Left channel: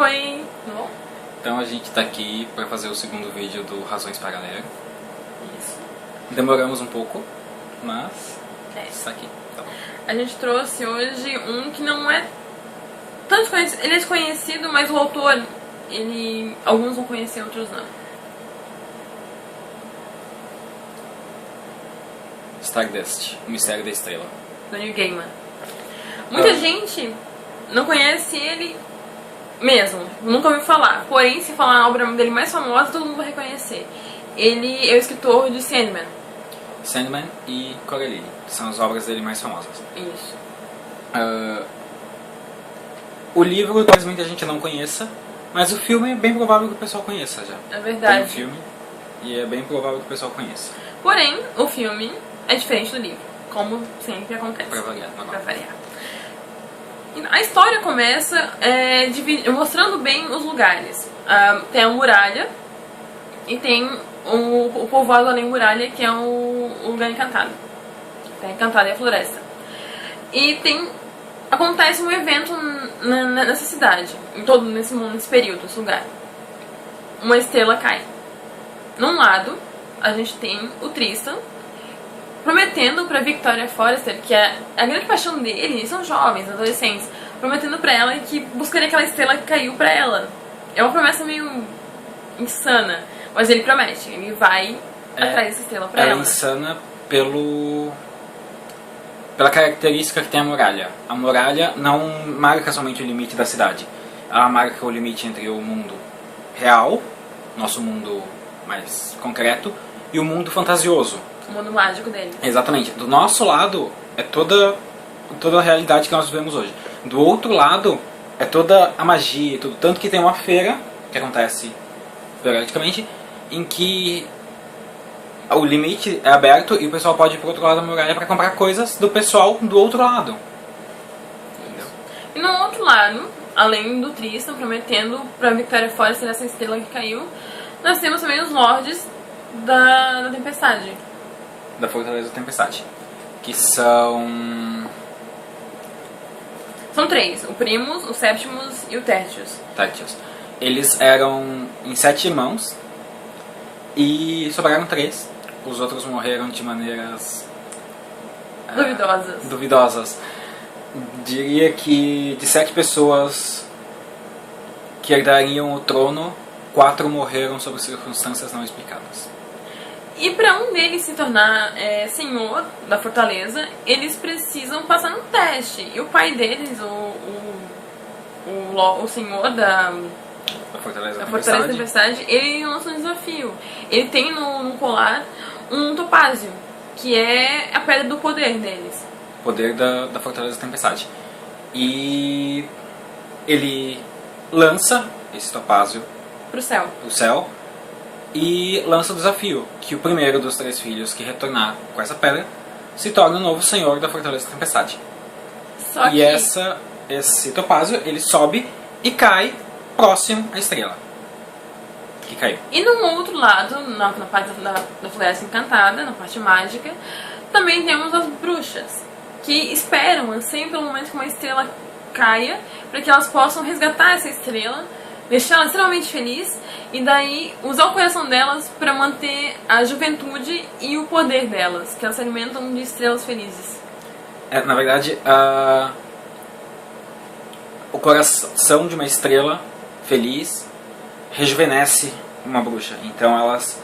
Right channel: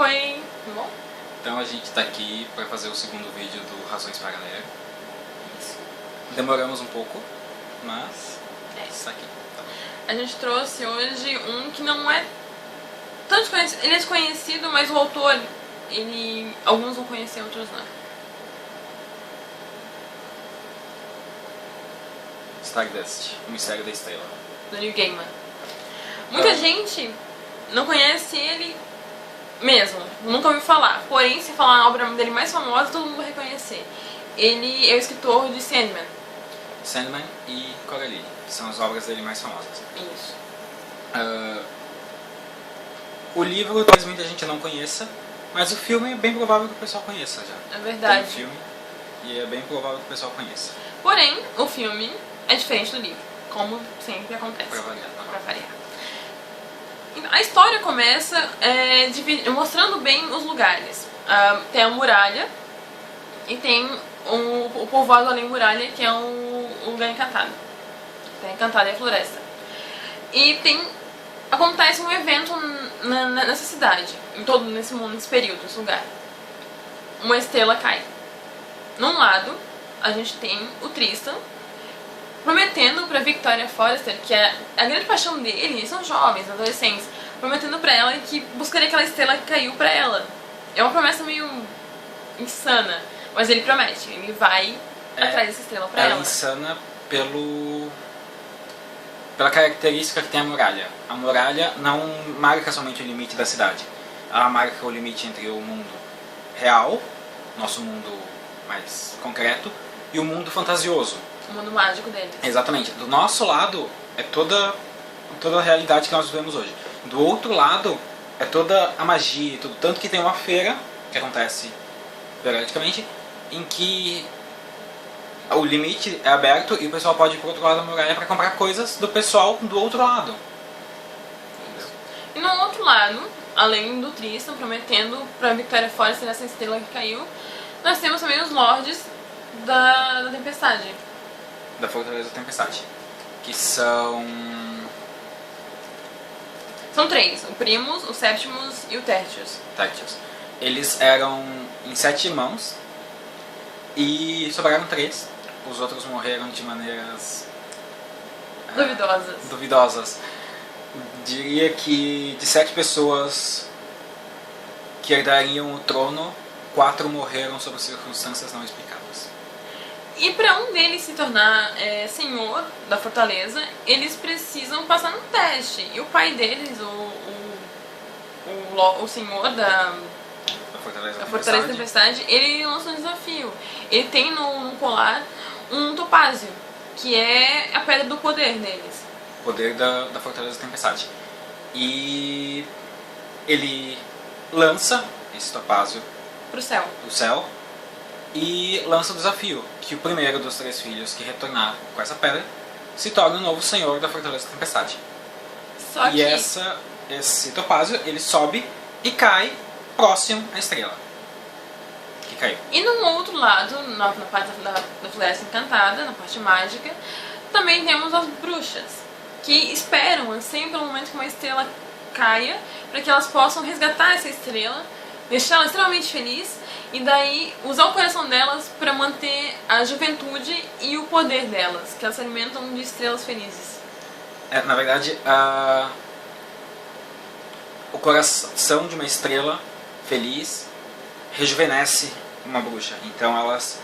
Oi, tudo bom? Então a gente tá aqui para fazer o segundo vídeo do Razões para Negra. Isso. Demoramos um pouco, mas É. está aqui. A gente trouxe hoje um que não é tanto conhecido. Ele é desconhecido, mas o autor, alguns vão conhecer, outros não. Stardust, o Mistério da Estrela. Do Neil Gaiman. Muita gente não conhece ele mesmo, nunca ouviu falar. Porém, se falar a obra dele mais famosa, todo mundo vai reconhecer. Ele é o escritor de Sandman. Sandman e Coraline, que são as obras dele mais famosas. Isso. O livro talvez muita gente não conheça, mas o filme é bem provável que o pessoal conheça já. É verdade. Tem um filme e é bem provável que o pessoal conheça. Porém, o filme é diferente do livro, como sempre acontece. Pra variar. A história começa mostrando bem os lugares. Tem a muralha e tem o povoado além da muralha, que é um lugar encantado. Terra Encantada é a floresta. E acontece um evento nessa cidade, nesse período, nesse lugar. Uma estrela cai. Num lado, a gente tem o Tristan, prometendo pra Victoria Forrester, que é a grande paixão dele, são jovens, adolescentes, prometendo pra ela que buscaria aquela estrela que caiu pra ela. É uma promessa meio insana, mas ele promete, ele vai atrás dessa estrela pra ela. É insana pela característica que tem a muralha. A muralha não marca somente o limite da cidade, ela marca o limite entre o mundo real, nosso mundo mais concreto, e o mundo fantasioso. O mundo mágico deles. Exatamente. Do nosso lado é toda a realidade que nós vivemos hoje. Do outro lado é toda a magia, tudo. Tanto que tem uma feira, que acontece periodicamente, em que o limite é aberto e o pessoal pode ir para o outro lado da muralha para comprar coisas do pessoal do outro lado. Isso. E no outro lado, além do Tristan prometendo pra Victoria Forrester essa estrela que caiu, nós temos também os Lordes da Tempestade. Da Fortaleza da Tempestade. Que são... São três, o Primus, o Septimus e o Tertius. Eles eram em 7 irmãos e sobraram 3. Os outros morreram de maneiras duvidosas. Diria que de 7 pessoas que herdariam o trono, 4 morreram sob circunstâncias não explicadas. E para um deles se tornar senhor da fortaleza, eles precisam passar num teste. E o pai deles, o senhor da Fortaleza da Tempestade, ele lança um desafio. Ele tem no colar um topázio, que é a pedra do poder deles. Poder da Fortaleza da Tempestade. E ele lança esse topázio Pro céu. E lança o desafio, que o primeiro dos 3 filhos que retornar com essa pedra se torna o novo senhor da Fortaleza da Tempestade. Esse topázio, ele sobe e cai próximo à estrela. E caiu. E no outro lado, na parte da Floresta Encantada, na parte mágica, também temos as bruxas, que esperam, anseiam pelo momento que uma estrela caia, para que elas possam resgatar essa estrela, deixar ela extremamente feliz e daí usar o coração delas para manter a juventude e o poder delas, que elas se alimentam de estrelas felizes. Na verdade, o coração de uma estrela feliz rejuvenesce uma bruxa. Então elas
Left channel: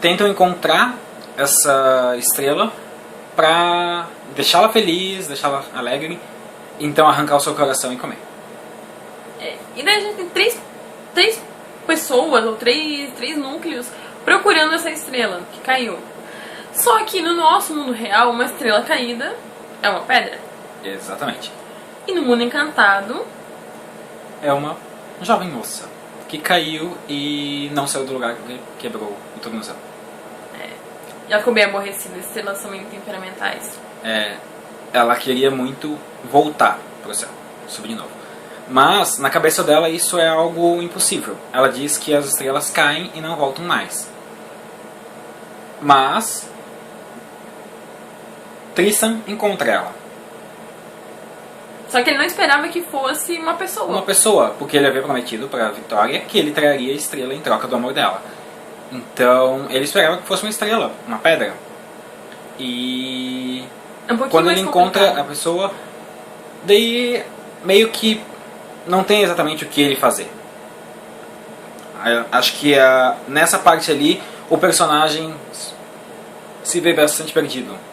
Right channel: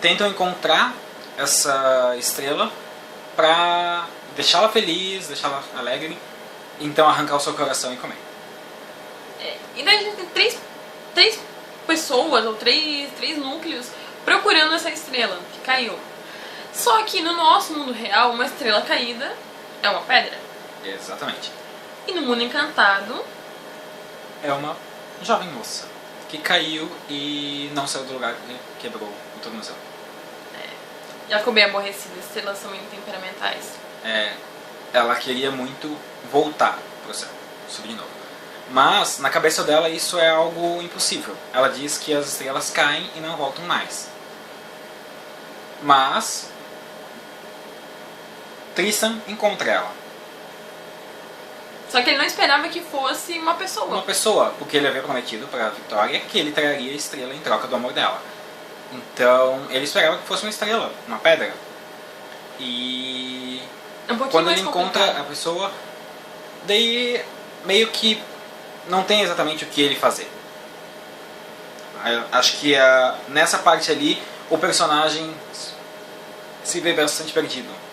tentam encontrar essa estrela para deixá-la feliz, deixá-la alegre, então arrancar o seu coração e comer. E daí a gente tem três pessoas, ou três núcleos, procurando essa estrela que caiu. Só que no nosso mundo real, uma estrela caída é uma pedra. Exatamente. E no mundo encantado... é uma jovem moça que caiu e não saiu do lugar que quebrou o tornozelo. Já ficou bem aborrecida, estrelas são muito temperamentais. Ela queria muito voltar pro céu, subir de novo. Mas, na cabeça dela, isso é algo impossível. Ela diz que as estrelas caem e não voltam mais. Mas, Tristan encontra ela. Só que ele não esperava que fosse uma pessoa. Uma pessoa, porque ele havia prometido para a Victoria que ele traria a estrela em troca do amor dela. Então ele esperava que fosse uma estrela, uma pedra. E É um pouquinho quando mais ele encontra complicado. a pessoa, daí meio que não tem exatamente o que ele fazer. Acho que nessa parte ali o personagem se vê bastante perdido.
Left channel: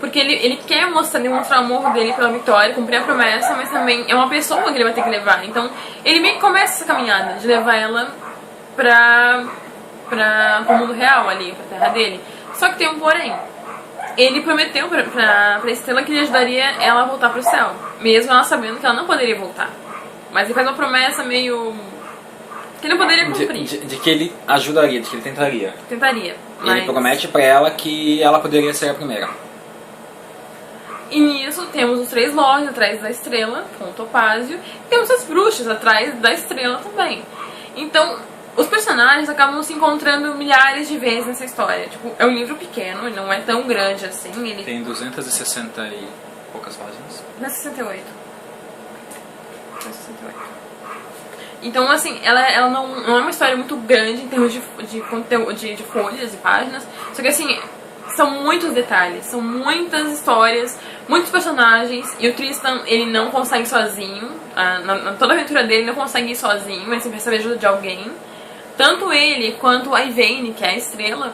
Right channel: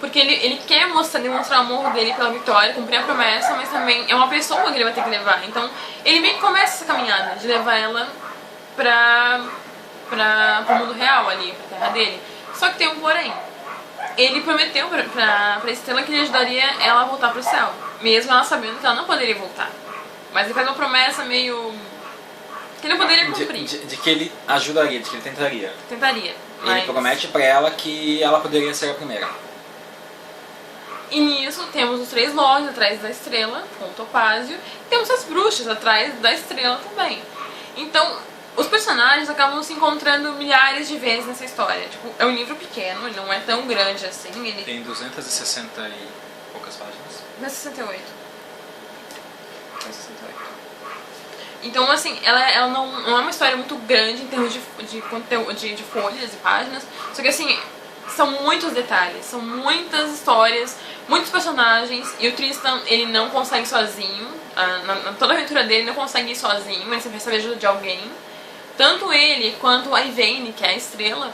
Porque ele quer demonstrar o amor dele pela Victoria, cumprir a promessa, mas também é uma pessoa que ele vai ter que levar. Então ele meio que começa essa caminhada de levar ela pro mundo real ali, pra terra dele. Só que tem um porém. Ele prometeu pra Estrela que ele ajudaria ela a voltar pro céu, mesmo ela sabendo que ela não poderia voltar. Mas ele faz uma promessa meio que ele não poderia cumprir. De que ele ajudaria, de que ele tentaria. Tentaria, mas... Ele promete pra ela que ela poderia ser a primeira. E nisso temos os 3 lords atrás da estrela, com o Topázio, e temos as bruxas atrás da estrela também. Então, os personagens acabam se encontrando milhares de vezes nessa história. Tipo, é um livro pequeno, ele não é tão grande assim. Ele Tem 260 e poucas páginas. não é 68. Não é 68. Então, assim, ela não é uma história muito grande em termos de conteúdo, de folhas e páginas. Só que, assim, são muitos detalhes, são muitas histórias, muitos personagens. E o Tristan, ele não consegue sozinho. Toda a aventura dele, ele não consegue ir sozinho, ele sempre recebe ajuda de alguém. Tanto ele quanto a Yvain, que é a estrela,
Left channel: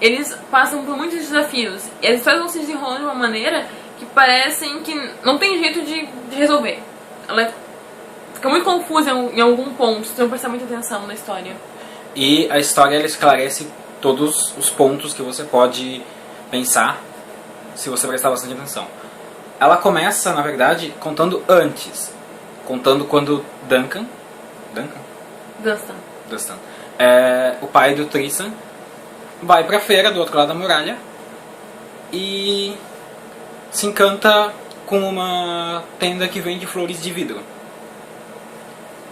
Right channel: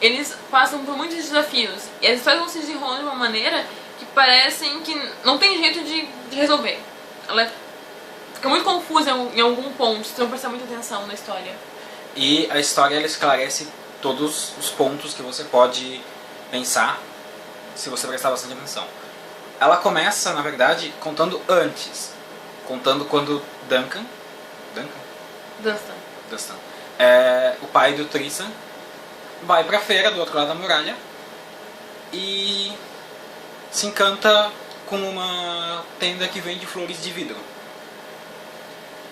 eles passam por muitos desafios. E as histórias vão se desenrolando de uma maneira que parecem que não tem jeito de resolver. Ela fica muito confusa em algum ponto, se não prestar muita atenção na história. E a história ela esclarece todos os pontos que você pode pensar se você prestar bastante atenção. Ela começa, na verdade, contando antes. Contando quando Dunstan, o pai do Tristan, vai pra feira do outro lado da muralha e se encanta com uma tenda que vende flores de vidro.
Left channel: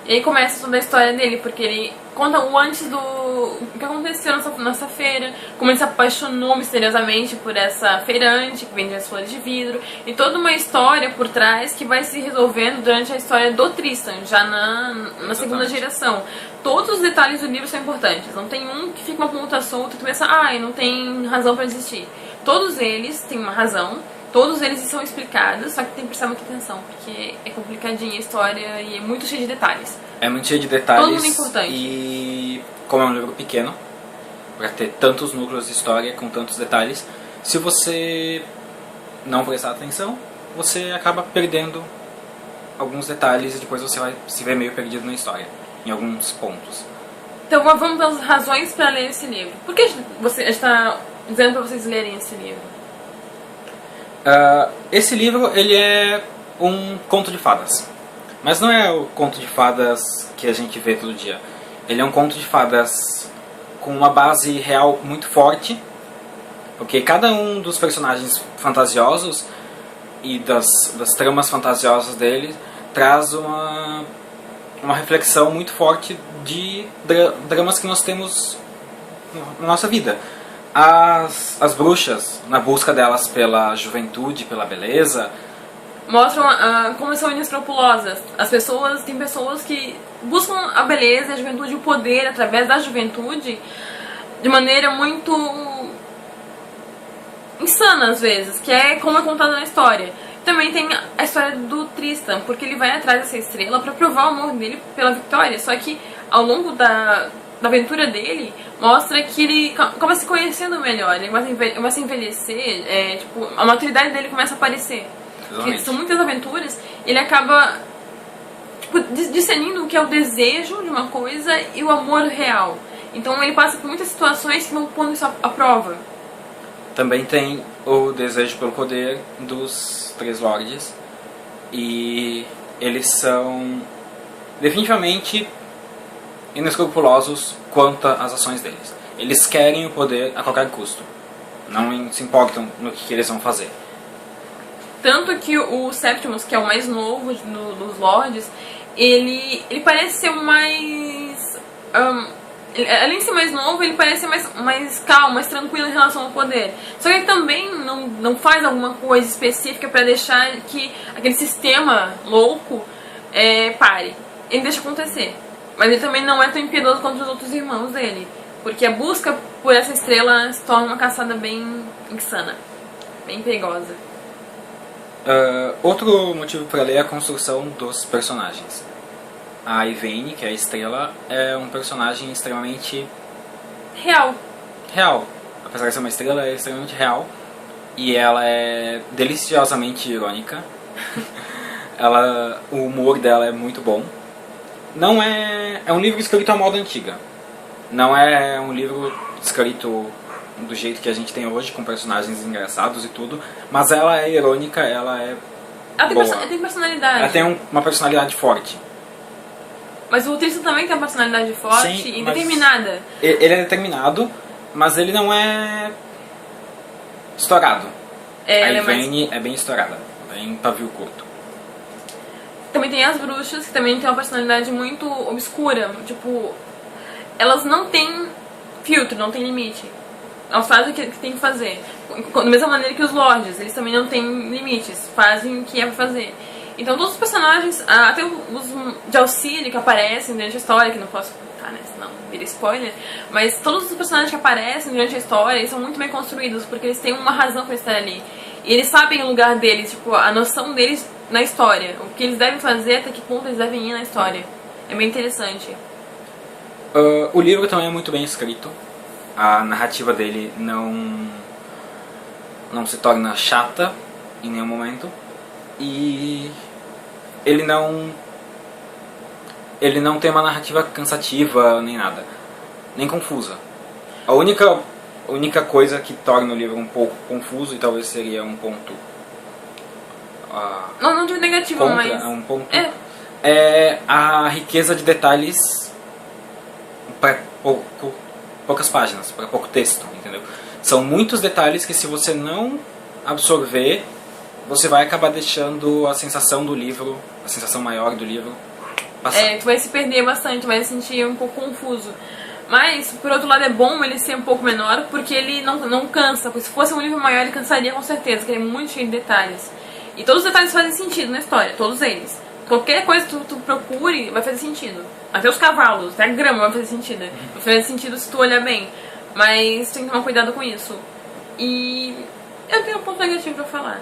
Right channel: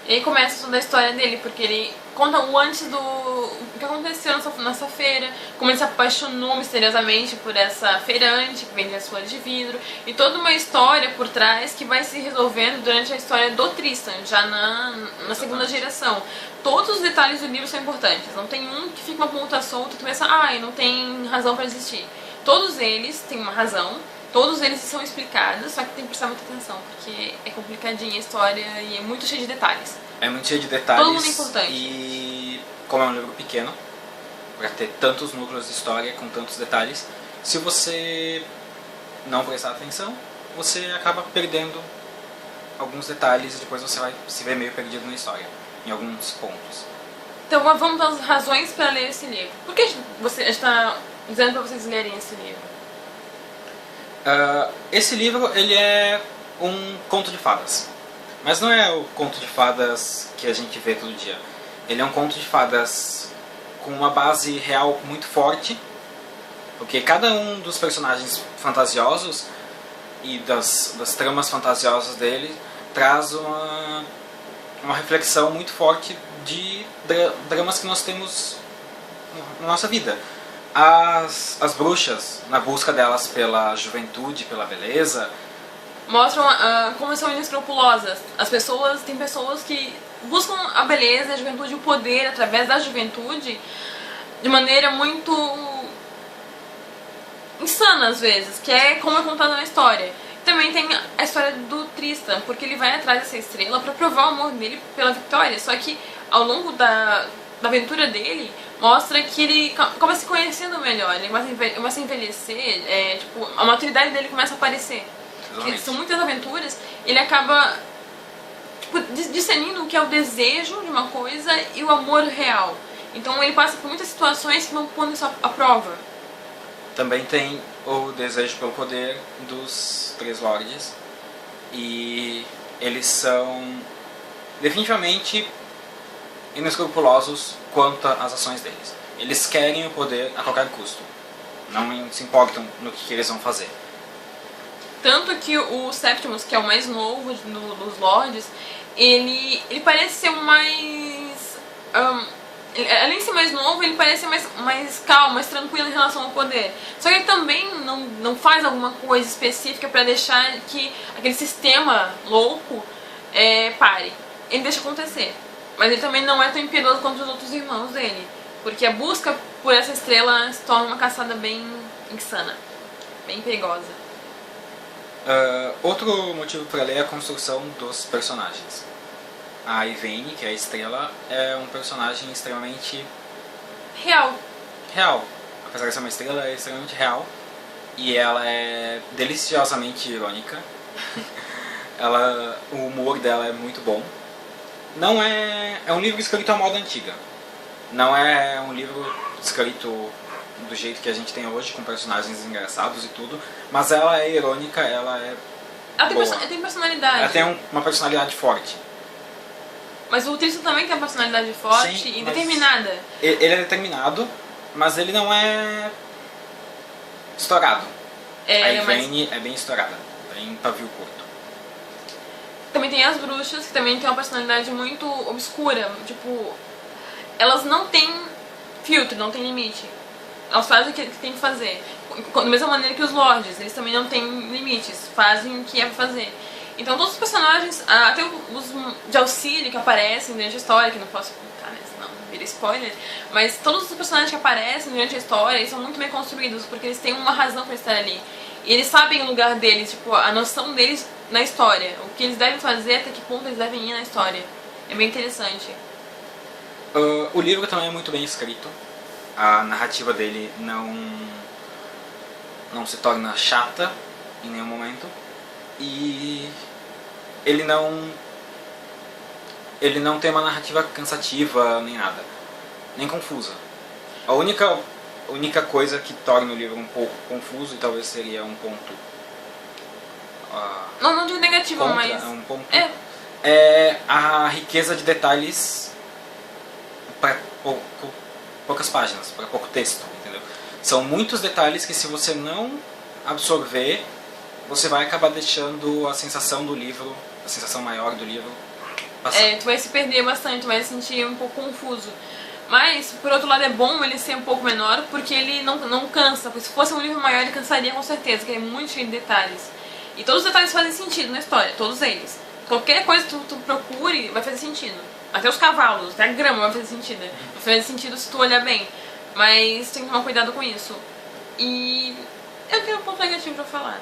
E aí começa toda a história dele, porque ele conta o antes o que aconteceu nessa feira, como ele se apaixonou misteriosamente por essa feirante que vende as flores de vidro, e toda uma história por trás que vai se resolvendo durante a história do Tristan, já na segunda geração. Todos os detalhes do livro são importantes, não tem um que fica uma ponta solta e tu pensa, não tem razão pra existir. Todos eles têm uma razão, todos eles são explicados, só que tem que prestar muita atenção, porque é complicadinha a história e é muito cheia de detalhes. É muito cheio de detalhes. Todo mundo é importante. E como é um livro pequeno, vai ter tantos núcleos de história com tantos detalhes, se você não prestar atenção, você acaba perdendo alguns detalhes e depois você vai se ver meio perdido na história, em alguns pontos. Então vamos às razões para ler esse livro. Por que a gente está dizendo para vocês lerem esse livro? Esse livro ele é um conto de fadas. Mas não é o conto de fadas que a gente vê todo dia. Ele é um conto de fadas com uma base real muito forte, porque cada um dos personagens fantasiosos e das tramas fantasiosas dele traz uma reflexão muito forte de dramas que nós temos na nossa vida. As bruxas, na busca delas pela juventude, pela beleza, mostram como são inescrupulosas. Tem pessoas que buscam a beleza, a juventude, o poder através da juventude de maneira muito insana às vezes, que é como é contado na história. Também tem a história do Tristan, porque ele vai atrás dessa estrela para provar o amor dele pela Victoria, só que ao longo da aventura dele, mostra que ele começa se conhecendo melhor, ele começa a envelhecer, a maturidade dele começa a aparecer. Que são muitas aventuras, ele acaba discernindo o que é o desejo de uma coisa e o amor real. Então ele passa por muitas situações que vão pondo isso à prova. Também tem o desejo pelo poder dos 3 lords, e eles são definitivamente inescrupulosos quanto às ações deles. Eles querem o poder a qualquer custo, não se importam no que eles vão fazer. Tanto que o Septimus, que é o mais novo dos Lords, ele parece ser o mais Além de ser mais novo, ele parece mais calmo, mais tranquilo em relação ao poder. Só que ele também não faz alguma coisa específica pra deixar que aquele sistema louco pare. Ele deixa acontecer. Mas ele também não é tão impiedoso quanto os outros irmãos dele. Porque a busca por essa estrela se torna uma caçada bem insana. Bem perigosa. Outro motivo para ler é a construção dos personagens. A Yvaine, que é a estrela, é um personagem extremamente Real. real. Apesar de ser uma estrela, ela é extremamente real. E ela é deliciosamente irônica. O humor dela é muito bom. Não é um livro escrito à moda antiga. Não é um livro escrito do jeito que a gente tem hoje, com personagens engraçados e tudo. Mas ela é irônica, ela é boa. Tem personalidade. Ela tem uma personalidade forte. Mas o Tristan também tem uma personalidade forte. Sim, e mas determinada. Ele é determinado, mas ele não é estourado. Ela A é mais... Yvaine é bem estourada, bem pavio curto. Também tem as bruxas, que também tem uma personalidade muito obscura. Tipo, elas não têm filtro, não têm limite. Elas fazem o que tem que fazer. Da mesma maneira que os lords, eles também não têm limites. Fazem o que é pra fazer. Então todos os personagens, até os de auxílio que aparecem durante a história, que não posso contar, né, senão vira spoiler, mas todos os personagens que aparecem durante a história, eles são muito bem construídos, porque eles têm uma razão pra estar ali. E eles sabem o lugar deles, tipo, a noção deles na história. O que eles devem fazer, até que ponto eles devem ir na história. É bem interessante. O livro também é muito bem escrito. A narrativa dele não se torna chata em nenhum momento. E ele não tem uma narrativa cansativa nem nada, nem confusa. A única coisa que torna o livro um pouco confuso, e talvez seria um ponto... Não digo negativo, mas... um ponto, é a riqueza de detalhes para poucas páginas, para pouco texto, entendeu? São muitos detalhes que, se você não absorver, você vai acabar deixando a sensação do livro, a sensação maior do livro, passar. Tu vai se perder bastante, tu vai se sentir um pouco confuso. Mas, por outro lado, é bom ele ser um pouco menor, porque ele não cansa. Porque se fosse um livro maior, ele cansaria com certeza, porque ele é muito cheio de detalhes. E todos os detalhes fazem sentido na história, todos eles. Qualquer coisa que tu procure vai fazer sentido. Até os cavalos, até a grama vai fazer sentido. Vai fazer sentido se tu olhar bem. Mas tem que tomar cuidado com isso. E eu tenho um ponto negativo pra falar.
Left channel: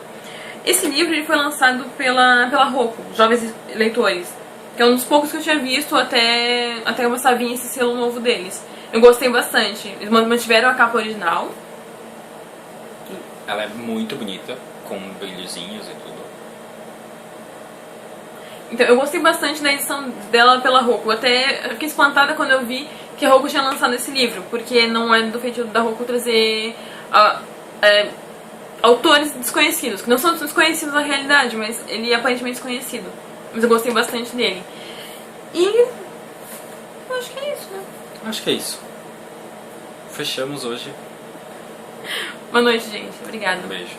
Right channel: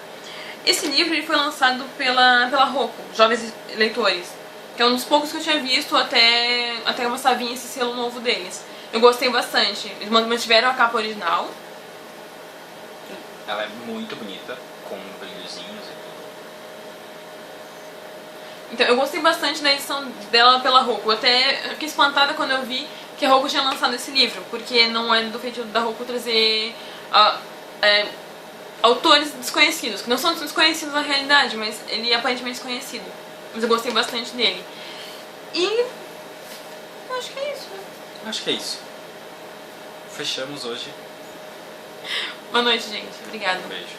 Esse livro ele foi lançado pela Rocco, Jovens Leitores, que é um dos poucos que eu tinha visto até começar a vir esse selo novo deles. Eu gostei bastante. Eles mantiveram a capa original. Ela é muito bonita, com brilhozinhos e tudo. Então, eu gostei bastante da edição dela pela Rocco. Até fiquei espantada quando eu vi que a Rocco tinha lançado esse livro, porque não é do feitio da Rocco trazer autores desconhecidos, que não são desconhecidos na realidade, mas ele é aparentemente desconhecido. Mas eu gostei bastante dele. E eu acho que é isso, né? Acho que é isso. Fechamos hoje. Boa noite, gente. Obrigada. Um beijo.